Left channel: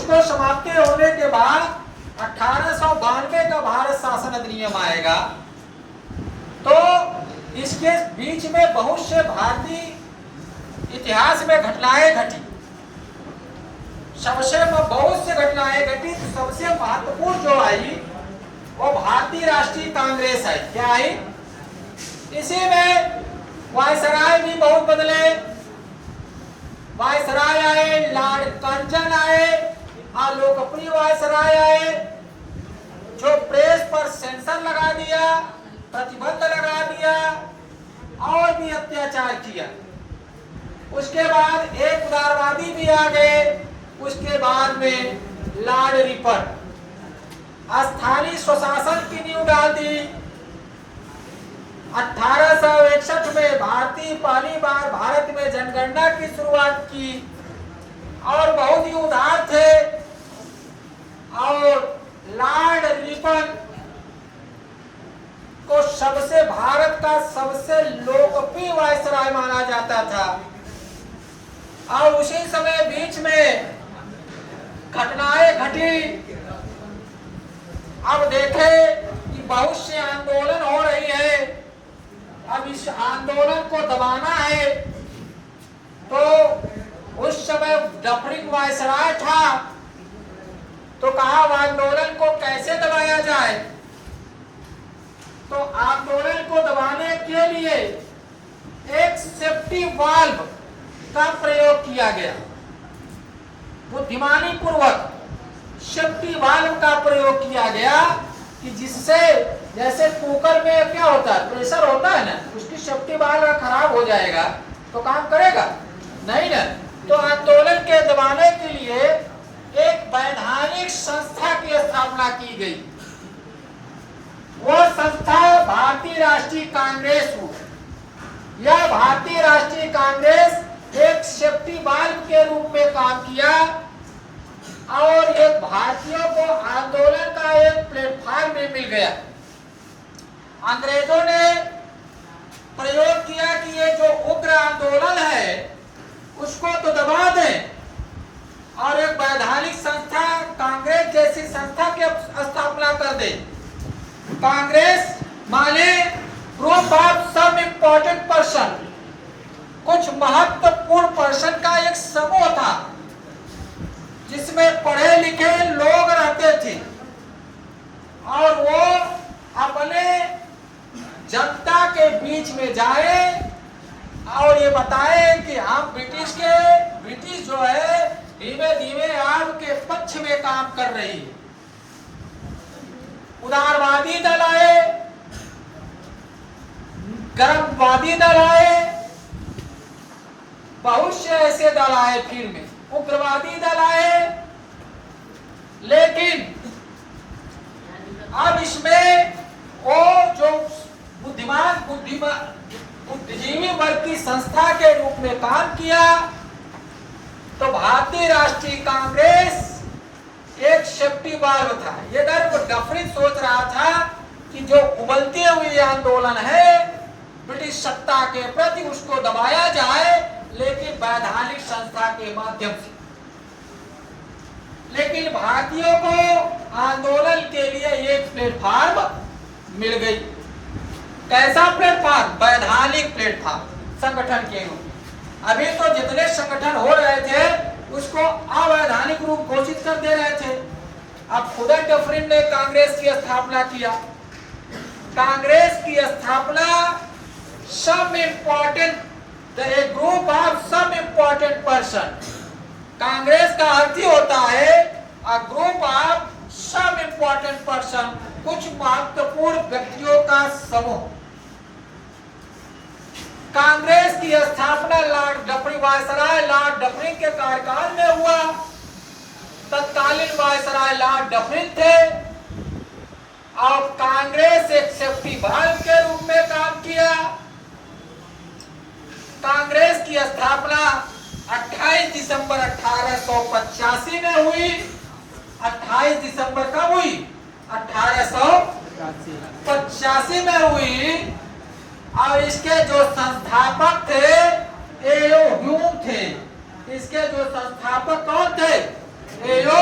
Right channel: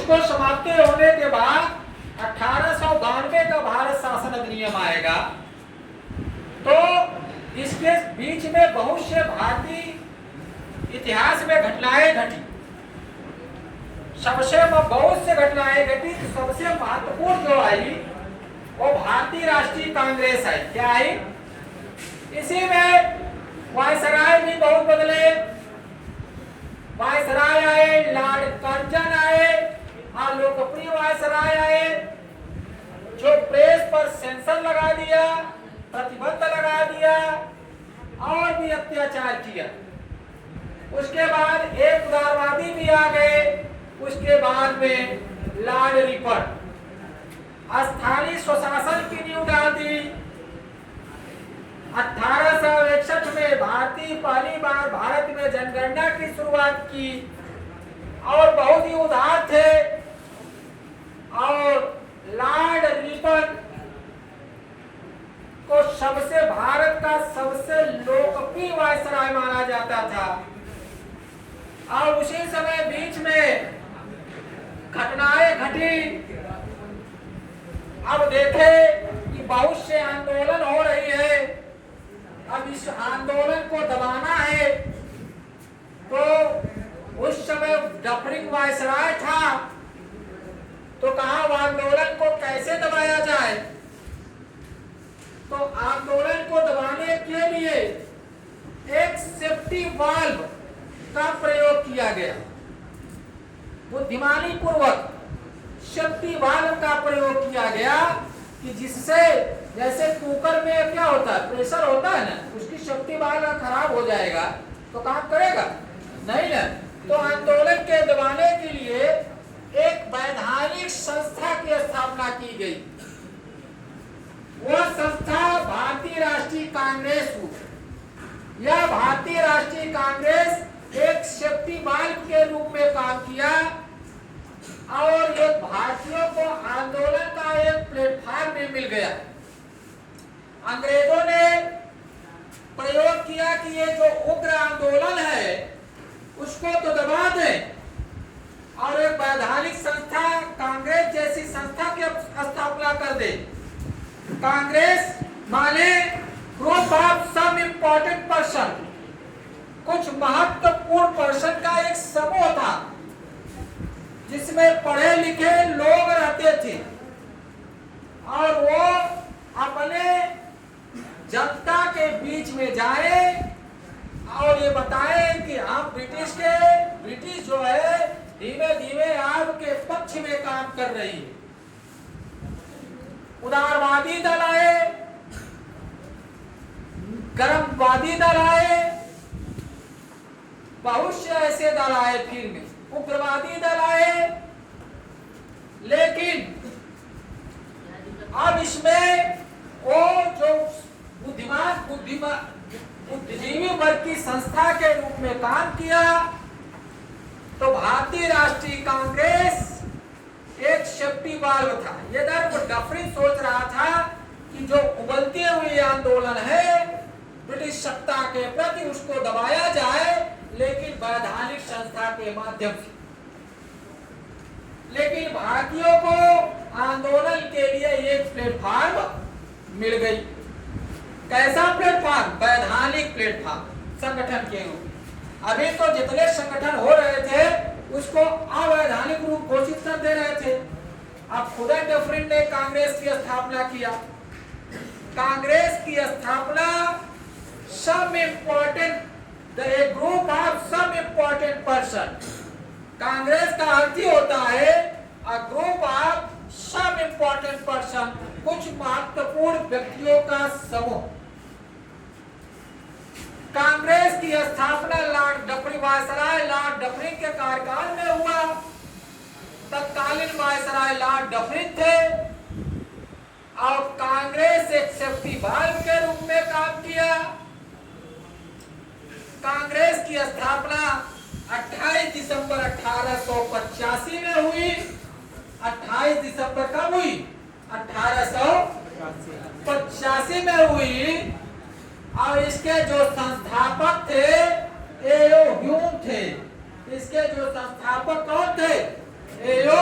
उसको समाप्ति होने के बाद 1892 का भारत शासन अधिनियम आएगा। तो इसके बीच में बहुत से भारतीय इतिहास में घटनाएं घटी, बहुत से घटनाएं घटी। तो सबसे महत्वपूर्ण जो आई वो भारतीय राष्ट्रीय कांग्रेस है। क्या आई? इसी में वायसराय भी बहुत बदले, वायसराय आए, लॉर्ड कर्जन आए और लोकप्रिय वायसराय आए जो प्रेस पर सेंसर लगा दिया, प्रतिबंध लगा दिया और भी अत्याचार किया। उसके बाद एक उदारवादी भी आ गए। उसके बाद में लॉर्ड रिपर्ट स्थानीय स्वशासन की नींव डाल दी। 1861 में भारतीय पहली बार भारत में जनगणना की शुरुआत की और बहुत ही उदार थे। और लॉर्ड रिपन को सबसे भारत का सबसे लोकप्रिय वायसराय माना जाता था। और उसी समय बीच में घटनाएं घटी। अब देखें कि बहुत से आंदोलन हो रही है। अब इस आंदोलन को दबाना है। तो उस समय डफरिंग वायसराय था, तो कहा आंदोलन को कैसे दबाया जाए। तो आंदोलन को दबाने के लिए एक सेफ्टी वाल्व का प्रयोग किया गया। बुद्धिमानी पूर्वक सेफ्टी वाल्व का प्रयोग किया गया कि जिससे जैसे कुकर में क्या होता है, प्रेशर होता है ना, उसकी सेफ्टी वाल्व खराब हो जाएगा तो काम करेगा नहीं ना। तो आंदोलन के दबाने के लिए एक वैधानिक संस्था की स्थापना की गई। वह संस्था भारतीय राष्ट्रीय कांग्रेस हुई। यह भारतीय राष्ट्रीय कांग्रेस एक सेफ्टी वाल्व के रूप में काम किया और ये भारतीयों को आंदोलन का एक प्लेटफॉर्म भी मिल गया। अंग्रेजों ने प्रयोग किया कि ये जो उग्र आंदोलन है उसको तो दबा दें और एक वैधानिक संस्था कांग्रेस जैसी संस्था की स्थापना कर दे। कांग्रेस माने group of some important person, कुछ महत्वपूर्ण पर्सन का एक समूह था जिसमें पढ़े लिखे लोग रहते थे और वो अपने जनता के बीच में जाए और ये बताए कि हम ब्रिटिश जो है धीमे धीमे आपके पक्ष में काम कर रही है। उदारवादी दल आए, गर्मवादी दल आए, बहुत से ऐसे दल आए, फिर में उग्रवादी दल आए। लेकिन अब इसमें वो जो बुद्धिजीवी वर्ग की संस्था के रूप में काम किया। तो भारतीय राष्ट्रीय कांग्रेस एक सेफ्टी वाल्व था। ये डफरिन सोच रहा था कि जो उबलते हुए आंदोलन है ब्रिटिश सत्ता के प्रति उसको दबाया जाए, लेकिन वैधानिक संस्था के माध्यम से। लेकिन भारतीयों को आंदोलन के लिए एक प्लेटफॉर्म मिल गई। कैसा प्लेटफॉर्म? वैधानिक प्लेटफॉर्म, संगठन के रूप। अभी तो जितने संगठन हो रहे थे उसको अवैधानिक रूप घोषित कर दे रहे थे। अब खुद डफरिन ने कांग्रेस की स्थापना किया। कांग्रेस की स्थापना some important group of some important person. Congress का अर्थ ही होता है a group of some important person, कुछ महत्वपूर्ण व्यक्तियों का समूह। कांग्रेस की स्थापना Lord Dufferin viceroy Lord Dufferin के कार्यकाल में हुआ। तत्कालीन वायसराय लॉर्ड डफरिन थे और कांग्रेस एक सेफ्टी वाल्व के रूप में काम किया। कांग्रेस की स्थापना 28 दिसंबर 1885 में हुई। 28 दिसंबर कब हुई? 1885 में हुई। और इसके जो संस्थापक थे एयो ह्यूम थे। इसके जो संस्थापक कौन थे? एयो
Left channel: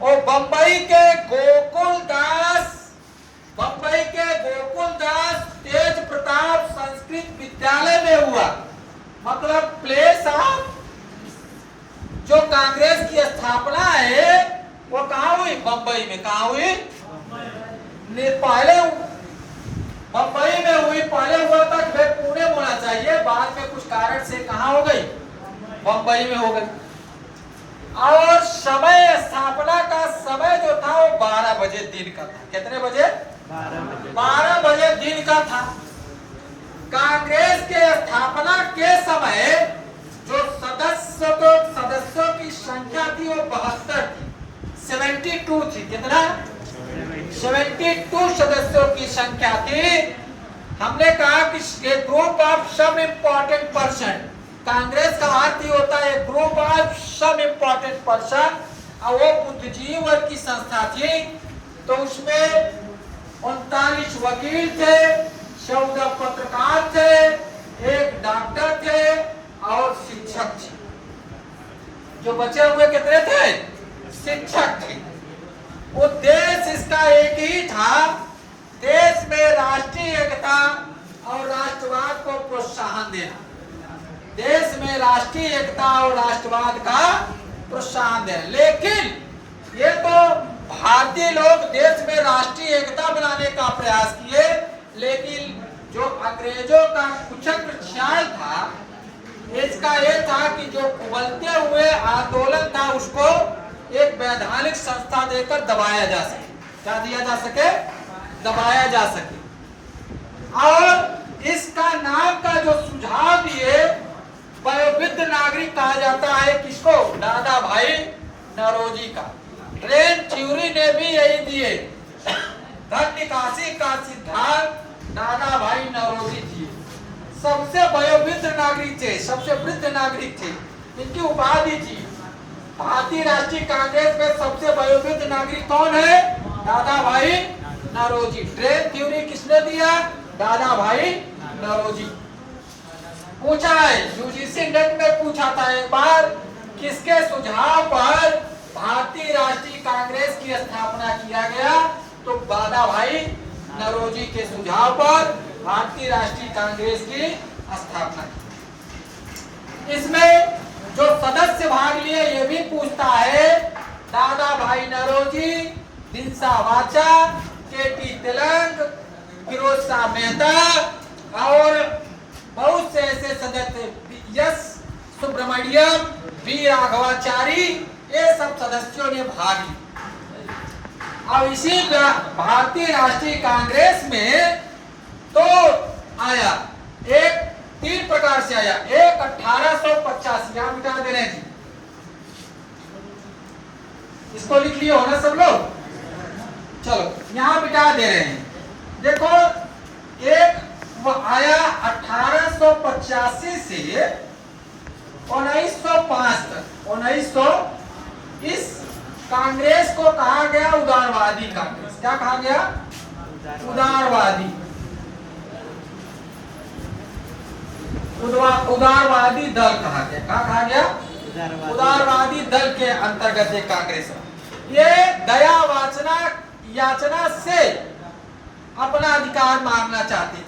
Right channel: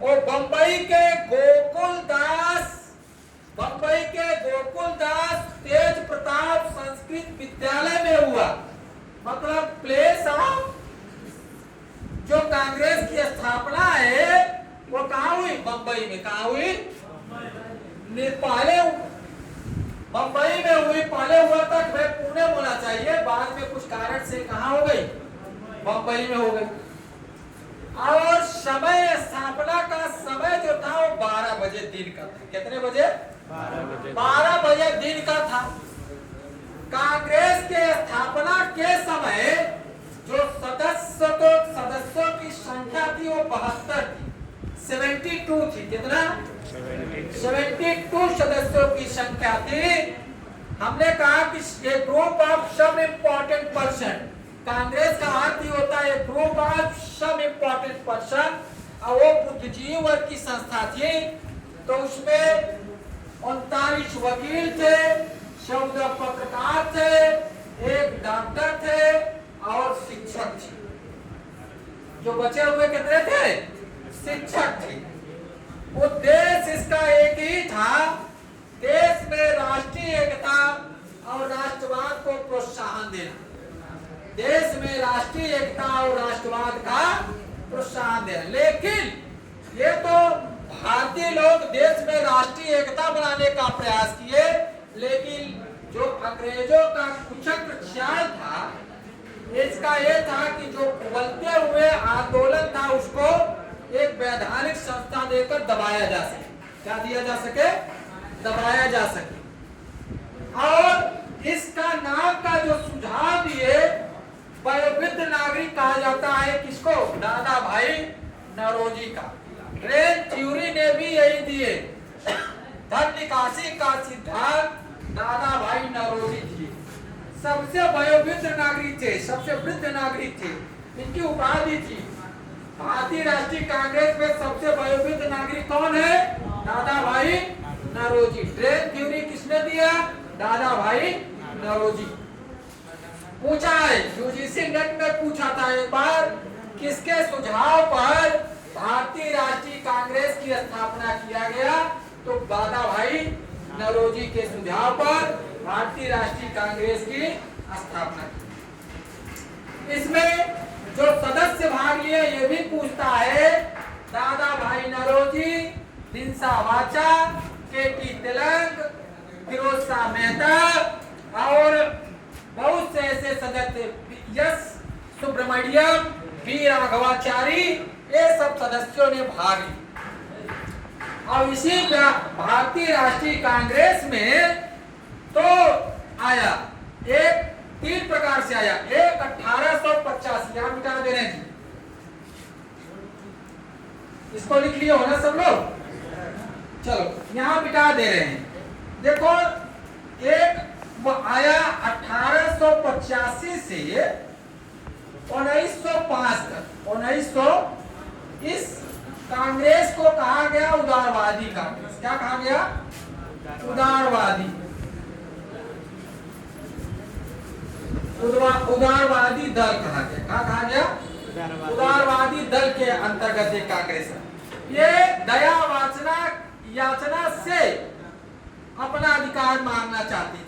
और बंबई के गोकुल दास तेज प्रताप संस्कृत विद्यालय में हुआ। मतलब प्लेस ऑफ जो कांग्रेस की स्थापना है वो कहाँ हुई? बंबई में। कहाँ हुई? पहले बंबई में हुई। पहले हुआ था कि भाई पुणे में होना चाहिए, बाद में कुछ कारण से कहाँ हो गई? बंबई में हो गई। और समय, स्थापना का समय जो था वो 12 बजे दिन का था। कितने बजे? 12 बजे दिन का था। कांग्रेस के स्थापना के समय जो सदस्यों की संख्या थी वो 72 थी, 72 थी। कितना? 72 सदस्यों की संख्या थी। हमने कहा कि ये group of some important person, Congress का अर्थ ही होता है group of some important person, और वो बुद्धिजीवी वर्ग की संस्था थी। तो उसमें 39 वकील थे, 14 पत्रकार थे, एक डॉक्टर थे और शिक्षक थे। जो बचे हुए कितने थे? शिक्षक थे। उद्देश्य इसका एक ही था, देश में राष्ट्रीय एकता और राष्ट्रवाद को प्रोत्साहन देना। देश में राष्ट्रीय एकता और राष्ट्रवाद का प्रोत्साहन देना। लेकिन ये तो भारतीय लोग देश में राष्ट्रीय एकता बनाने का प्रयास किए, लेकिन जो अंग्रेजों का कुचक्र चाल था इसका ये था कि जो उबलते हुए आंदोलन था उसको एक वैधानिक संस्था देकर दबाया जा सके। क्या दिया जा सके? दबाया जा सके। और इसका नाम का जो सुझाव दिए, वयोवृद्ध नागरिक कहा जाता है किसको? दादा भाई नौरोजी का। ट्रेन थ्योरी ने भी यही दिए। धन निकासी का सिद्धांत दादा भाई नौरोजी थी। सबसे वयोवृद्ध नागरिक थे, सबसे वृद्ध नागरिक थे। इनकी उपाधि थी। भारतीय राष्ट्रीय कांग्रेस में सबसे वयोवृद्ध नागरिक कौन है? दादा भाई नौरोजी। ट्रेन थ्योरी किसने दिया? दादा भाई नौरोजी। पूछा है यूजीसी नेट में पूछा था एक बार, किसके सुझाव पर भारतीय राष्ट्रीय कांग्रेस की स्थापना किया गया? तो दादा भाई नौरोजी के सुझाव पर भारतीय राष्ट्रीय कांग्रेस की स्थापना की। इसमें जो सदस्य भाग लिए ये भी पूछता है, दादा भाई नौरोजी, दिनसा वाचा, केटी तिलक, फिरोज शाह मेहता और बहुत से ऐसे सदस्य, एस सुब्रमण्यम, वी राघवाचारी, ये सब सदस्यों ने भाग लिया। और इसी भारतीय राष्ट्रीय कांग्रेस में तो आया एक 3 प्रकार से आया। एक 1885, यहां मिटा दे रहे हैं जी, इसको लिख लिए हो ना सब लोग? चलो यहां मिटा दे रहे हैं। देखो एक आया 1885 से 1905 तक। 1900 इस कांग्रेस को कहा गया उदारवादी कांग्रेस। क्या कहा गया? उदारवादी। उदारवादी दल कहा गया। क्या कहा गया? उदारवादी दल के अंतर्गत एक कांग्रेस है। ये दया याचना से अपना अधिकार मांगना चाहती थी।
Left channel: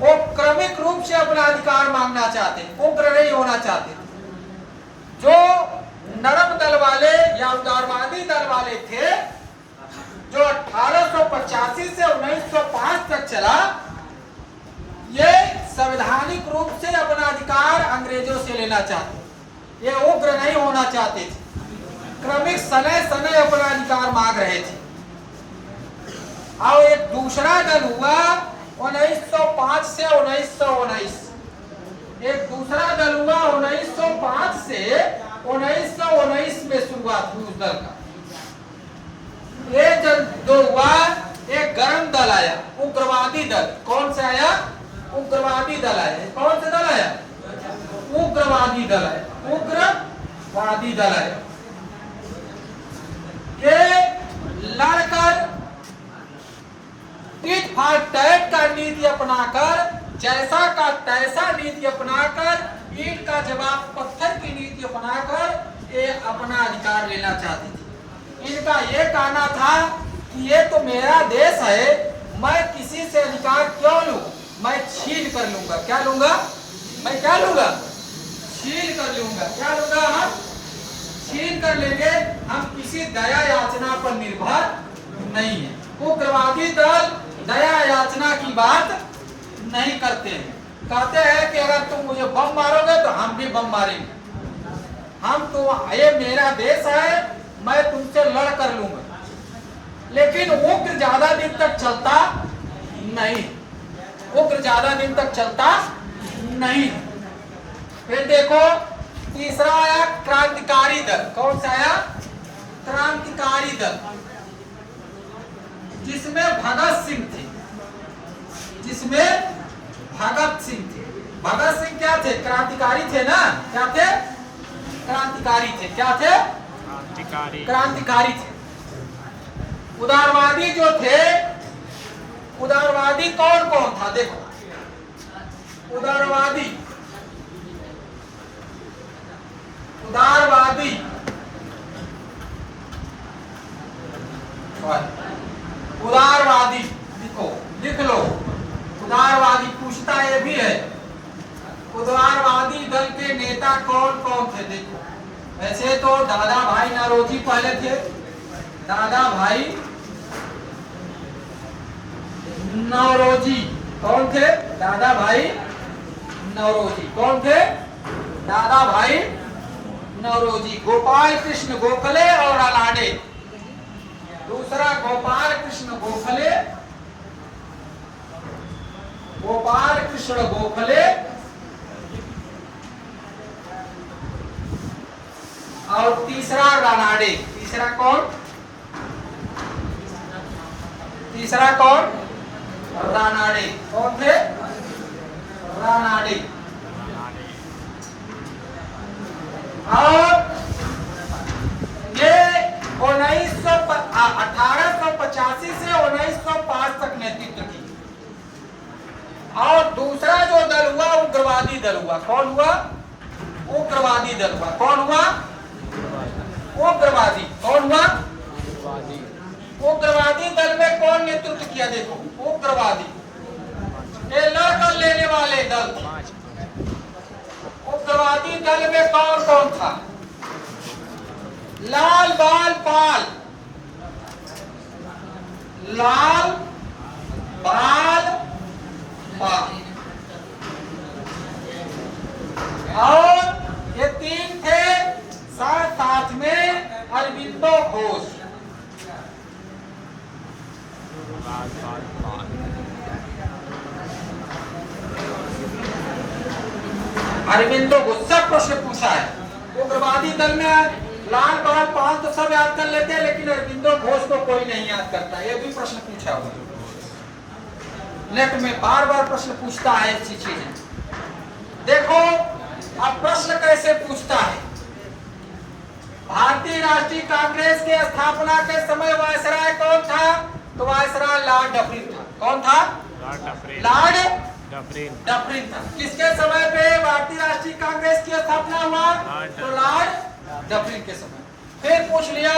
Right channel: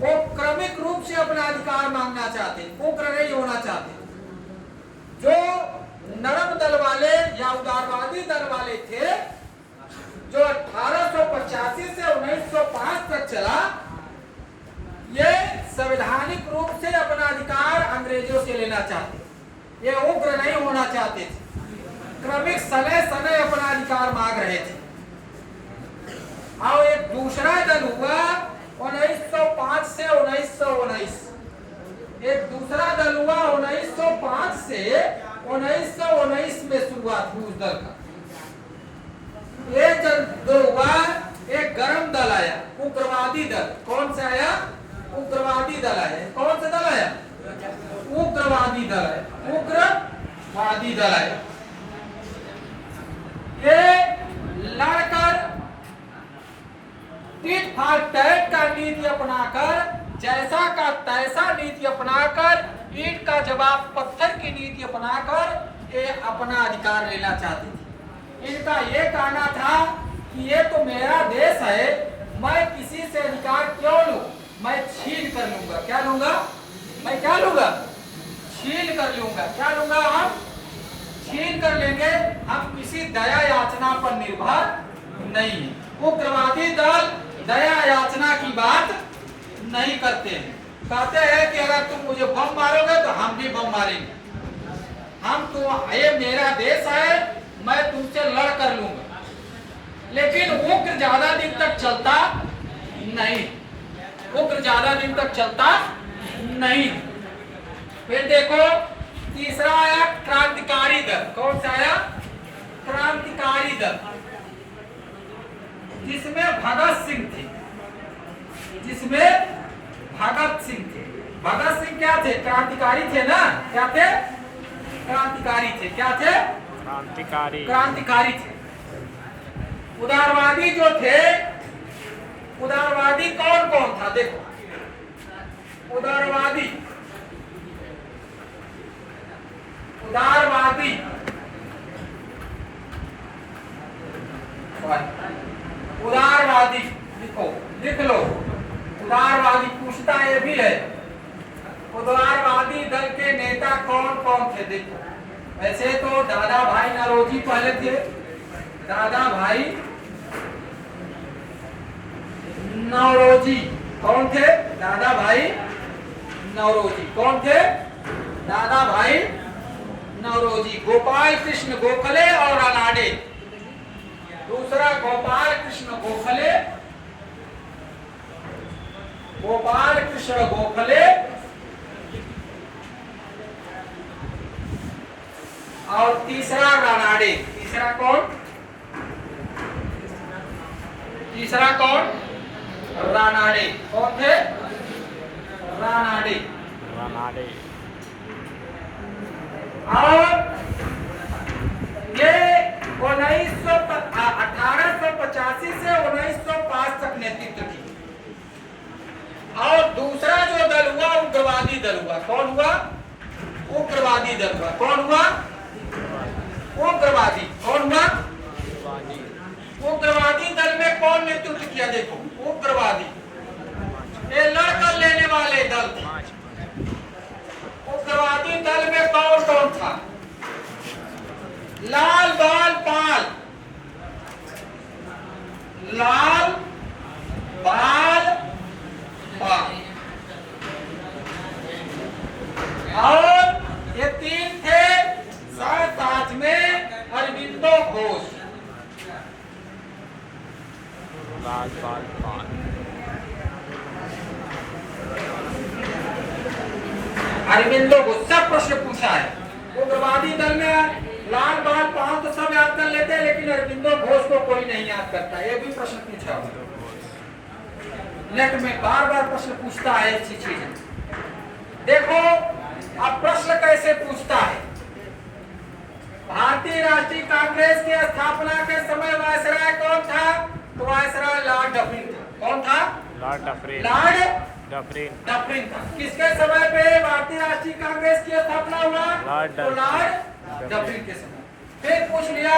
वो क्रमिक रूप से अपना अधिकार मांगना चाहते, उग्र नहीं होना चाहते। जो नरम दल वाले या उदारवादी दल वाले थे, जो 1885 से 1905 तक चला, ये संवैधानिक रूप से अपना अधिकार अंग्रेजों से लेना चाहते। ये उग्र नहीं होना चाहते थे, क्रमिक समय अपना अधिकार मांग रहे थे। और एक दूसरा दल हुआ 1905 से 1919। एक दूसरा दल हुआ 1905 से 1919 में शुरुआत हुई उस दल का। एक दल जो हुआ, एक गरम दल आया, उग्रवादी दल। कौन सा आया? उग्रवादी दल आया। कौन सा दल आया? उग्रवादी दल आया। उग्रवादी दल आया। ये लड़कर टिट फॉर टैट का नीति अपनाकर, जैसा का तैसा नीति अपनाकर, ईंट का जवाब पत्थर की नीति अपनाकर ये अपना अधिकार लेना चाहती थी। इनका ये कहना था कि ये तो मेरा देश है, मैं किसी से अधिकार क्यों लूं, मैं छीन कर लूंगा। क्या लूंगा? मैं क्या लूंगा? छीन कर लूंगा। क्या लूंगा? हम छीन कर लेंगे। हम किसी दया याचना पर निर्भर नहीं है। उग्रवादी दल दया याचना की बात नहीं करते हैं। कहते हैं कि अगर तुम मुझे बम मारोगे तो हम भी बम मारेंगे। हम तो, ये मेरा देश है, मैं तुमसे लड़ कर लूंगा। लेकिन उग्र ज्यादा दिन तक चलता नहीं, उग्र ज्यादा दिन तक चलता नहीं। फिर देखो तीसरा आया क्रांतिकारी दल। कौन सा आया? क्रांतिकारी दल, जिसमें भगत सिंह थे, जिसमें भगत सिंह थे। भगत सिंह क्या थे? क्रांतिकारी थे ना। क्या थे? क्रांतिकारी थे। क्या थे? क्रांतिकारी थे। उदारवादी जो थे, उदारवादी कौन कौन था? देखो उदारवादी, उदारवादी उदारवादी लिखो, लिख लो। उदारवादी पूछता ये भी है, उदारवादी दल के नेता कौन कौन थे? देखो वैसे तो दादा भाई नौरोजी पहले थे। दादा भाई नौरोजी कौन थे? दादा भाई नौरोजी कौन थे? दादा भाई नौरोजी। गोपाल कृष्ण गोखले और रानाडे। दूसरा गोपाल कृष्ण गोखले, गोपाल कृष्ण गोखले और तीसरा रानाडे। तीसरा कौन? तीसरा कौन? रानाडे। कौन थे? रानाडे। और ये 1885 से 1905 तक नेतृत्व की। और दूसरा जो दल हुआ उग्रवादी दल हुआ। कौन हुआ? उग्रवादी दल हुआ। कौन हुआ? उग्रवादी। कौन हुआ? उग्रवादी दल में कौन नेतृत्व किया? देखो उग्रवादी, ये लड़कर लेने वाले दल थे। उग्रवादी दल में कौन कौन था? लाल बाल पाल, लाल बाल पाल। और ये तीन थे, साथ साथ में अरविंदो घोष। लाल बाल पाल, अरविंदो घोष। सब प्रश्न पूछा है। उग्रवादी दल में लाल बाल पाल तो सब याद कर लेते हैं, लेकिन अरविंदो घोष को कोई नहीं याद करता। ये भी प्रश्न पूछा हुआ नेट में, बार बार प्रश्न पूछता है ऐसी चीजें। देखो अब प्रश्न कैसे पूछता है। भारतीय राष्ट्रीय कांग्रेस के स्थापना के समय वायसराय कौन था? तो वायसराय लॉर्ड डफरिन था। कौन था? Lord Dufferin. Lord Dufferin. Dufferin था। किसके समय पे भारतीय राष्ट्रीय कांग्रेस की स्थापना हुआ? तो लॉर्ड डफरिन के समय। फिर पूछ लिया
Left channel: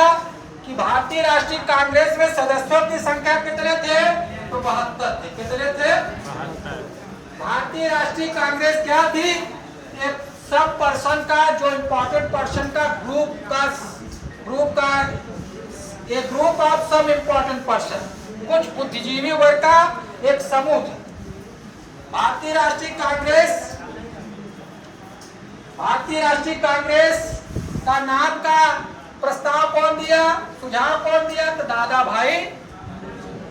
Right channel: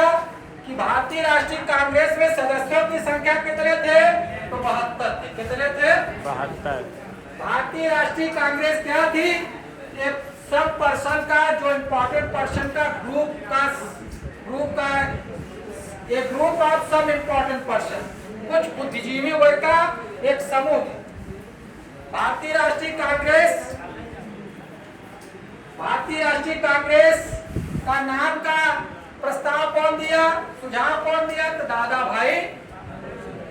कि भारतीय राष्ट्रीय कांग्रेस में सदस्यों की संख्या कितने थे? तो 72 थे। कितने थे? 72। भारतीय राष्ट्रीय कांग्रेस क्या थी? एक सब पर्सन का, जो इम्पोर्टेंट पर्सन का ग्रुप का एक ग्रुप ऑफ सब इम्पोर्टेंट पर्सन, कुछ बुद्धिजीवी वर्ग का एक समूह था। भारतीय राष्ट्रीय कांग्रेस का नाम का प्रस्ताव कौन दिया? सुझाव कौन दिया? तो दादा भाई।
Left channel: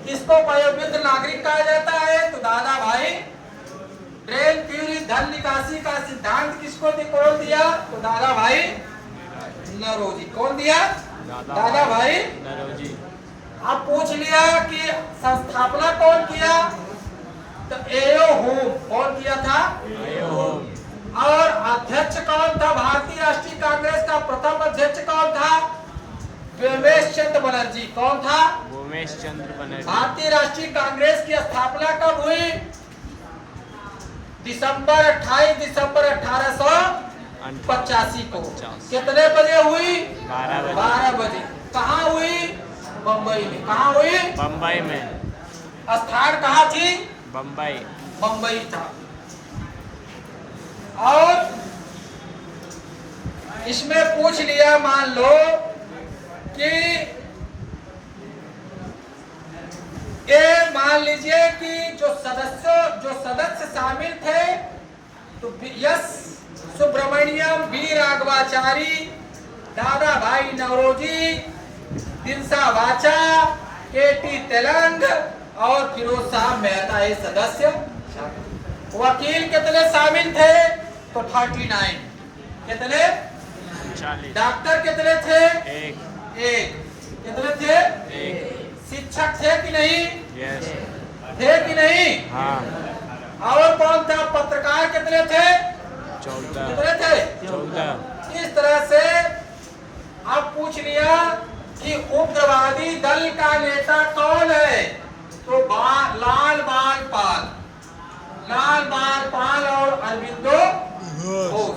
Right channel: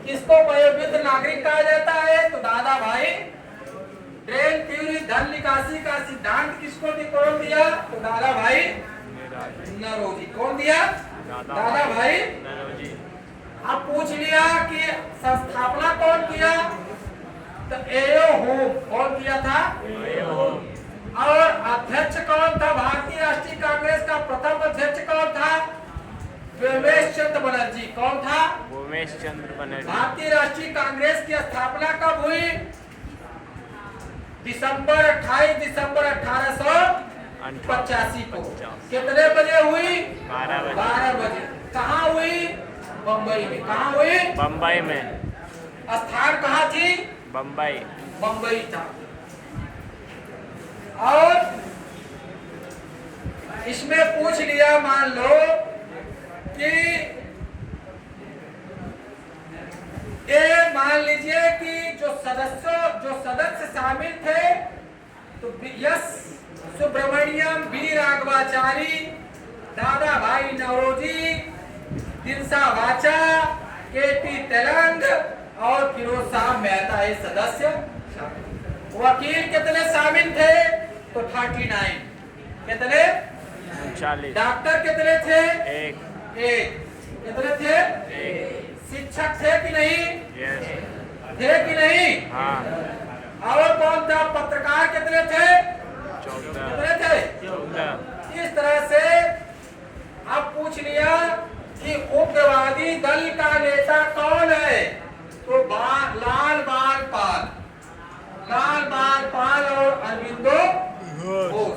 किसको वयोवृद्ध नागरिक कहा जाता है? तो दादा भाई। ड्रेन थ्योरी, धन निकासी का सिद्धांत किसको कौन दिया? तो दादा भाई नौरोजी। कौन दिया? दादा भाई नौरोजी। अब पूछ लिया कि संस्थापना कौन किया? तो एओ होम। कौन किया था? और अध्यक्ष कौन था? भारतीय राष्ट्रीय कांग्रेस का प्रथम अध्यक्ष कौन था? व्योमेश चंद्र बनर्जी। कौन था? व्योमेश चंद्र बनर्जी। भारतीय राष्ट्रीय कांग्रेस की स्थापना कब हुई? 28 दिसंबर 1888 85 को। 85। कितने बजे हुई? 12 बजे। 12 बजे। कहाँ हुई? बम्बई में। कहाँ हुई? बम्बई में। स्थान कहाँ थी? बम्बई। बम्बई था। और इसमें पूछ लिया, मान लो कि ये मान लीजिए कि जो सदस्य शामिल थे तो एस सुब्रमण्यम, बी राघवाचारी, दादा भाई नवरोजी, दिनसा वाचा, के.टी. तेलंग और फिरोज साहब मेहता ये सदस्य। वकील कितने शामिल थे? तो 39। कितने? 39। डॉक्टर कितने थे? एक। कितने थे? एक। शिक्षक थे कि नहीं? यस। थे कि नहीं? हाँ। और कौन था? पत्रकार कितने थे? 14। कितने थे? 14। इस तरह से अब पूछ लिया कि उग्रवादी दल का नेता कौन है? तो लाल बाल पाल और अरविंदो घोष।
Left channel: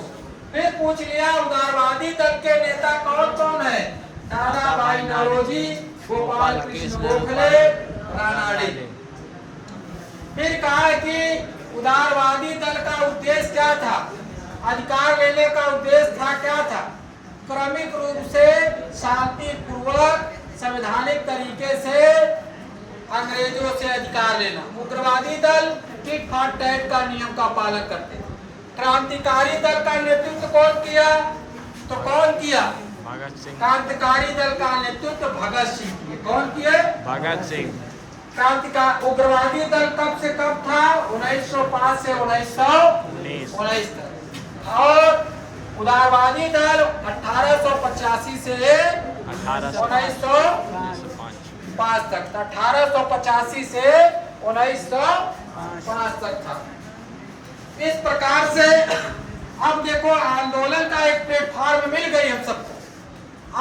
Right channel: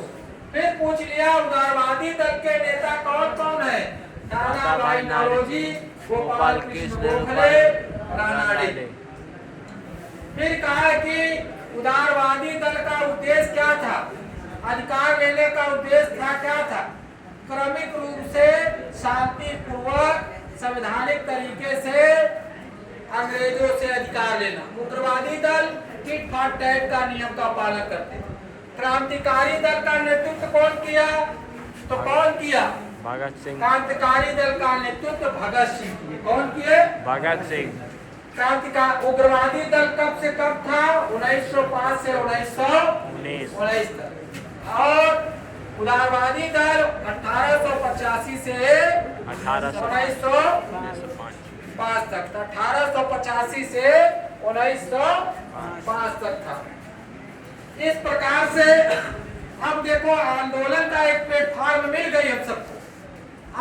फिर पूछ लिया उदारवादी दल के नेता कौन कौन है? दादा भाई नौरोजी, गोपाल कृष्ण गोखले, रानाडे। फिर कहा कि उदारवादी दल का उद्देश्य क्या था? अधिकार लेने का उद्देश्य था क्या था? क्रमिक रूप से शांतिपूर्वक संवैधानिक तरीके से अंग्रेजों से अधिकार लेना। उग्रवादी दल टिट फॉर टैट का नियम का पालन करते थे। क्रांतिकारी दल का नेतृत्व कौन किया? तो कौन किया? भगत सिंह। क्रांतिकारी दल का नेतृत्व भगत सिंह किए। कौन किए? भगत सिंह। क्रांतिकारी उग्रवादी दल कब से कब था? 1905 से 1919 तक। और उदारवादी दल 1885 से 1905 तक था। 1885 से 1905 तक था। इस प्रकार से अब देखो आंदोलन का एक प्लेटफॉर्म मिल गई हम सबको।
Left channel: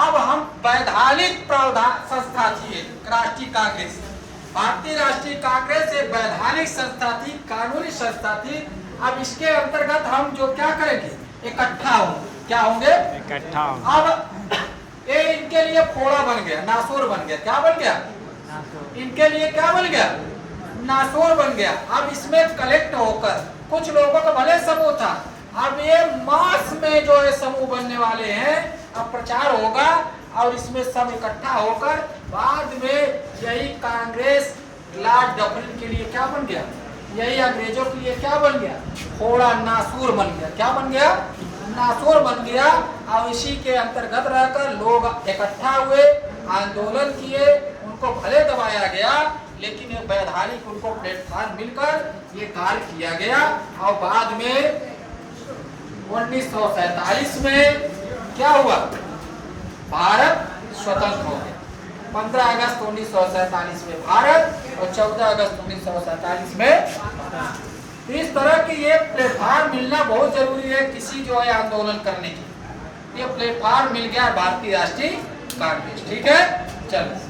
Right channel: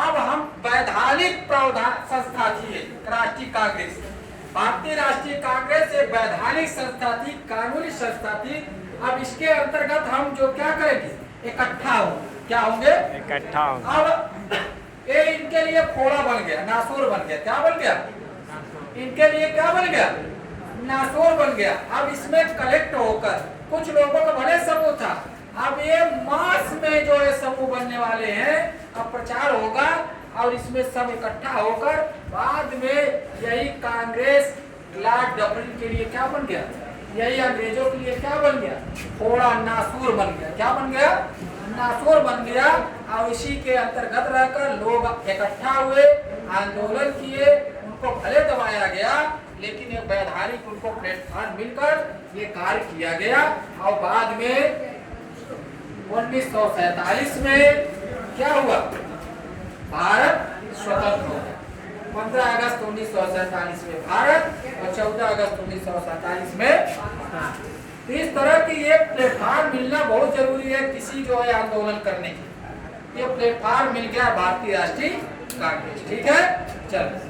अब हम वैधानिक संस्था थी राष्ट्रीय कांग्रेस। भारतीय राष्ट्रीय कांग्रेस एक वैधानिक संस्था थी, कानूनी संस्था थी। अब इसके अंतर्गत हम जो क्या करेंगे? इकट्ठा होंगे। क्या होंगे? इकट्ठा। अब ये इनके लिए फोड़ा बन गया, नासूर बन गया। क्या बन गया? इनके लिए क्या बन गया? नासूर बन गया। अब इसमें कलेक्ट होकर कुछ लोगों का भले समूह था, अब ये मास में जो ये समूह बनने वाले हैं, अब प्रचार होगा और इसमें सब इकट्ठा होकर बाद में यही कांग्रेस लॉर्ड डफरिन के लिए क्या बन गया? यही अंग्रेजों के लिए क्या बन गया? थोड़ा नासूर बन गया। क्या बन गया? नासूर बन गया। और इसी के अंतर्गत रहकर लोग इकट्ठा हुए, आंदोलन किए, उनको भले दबाया गया लेकिन एक वैधानिक उनको प्लेटफॉर्म मिलकर ये कार्य किया गया। और बाद में 1947 में क्या हुआ? भारत स्वतंत्र हो गया। 15 अगस्त 1947 में भारत और 14 अगस्त 1947 में। इस तरह की ये प्लेटफॉर्म मिलना बहुत जरूरी है किसी जो है आंदोलन करने की। ये प्लेटफॉर्म मिल गया भारतीय राष्ट्रीय कांग्रेस। ठीक है, चलो।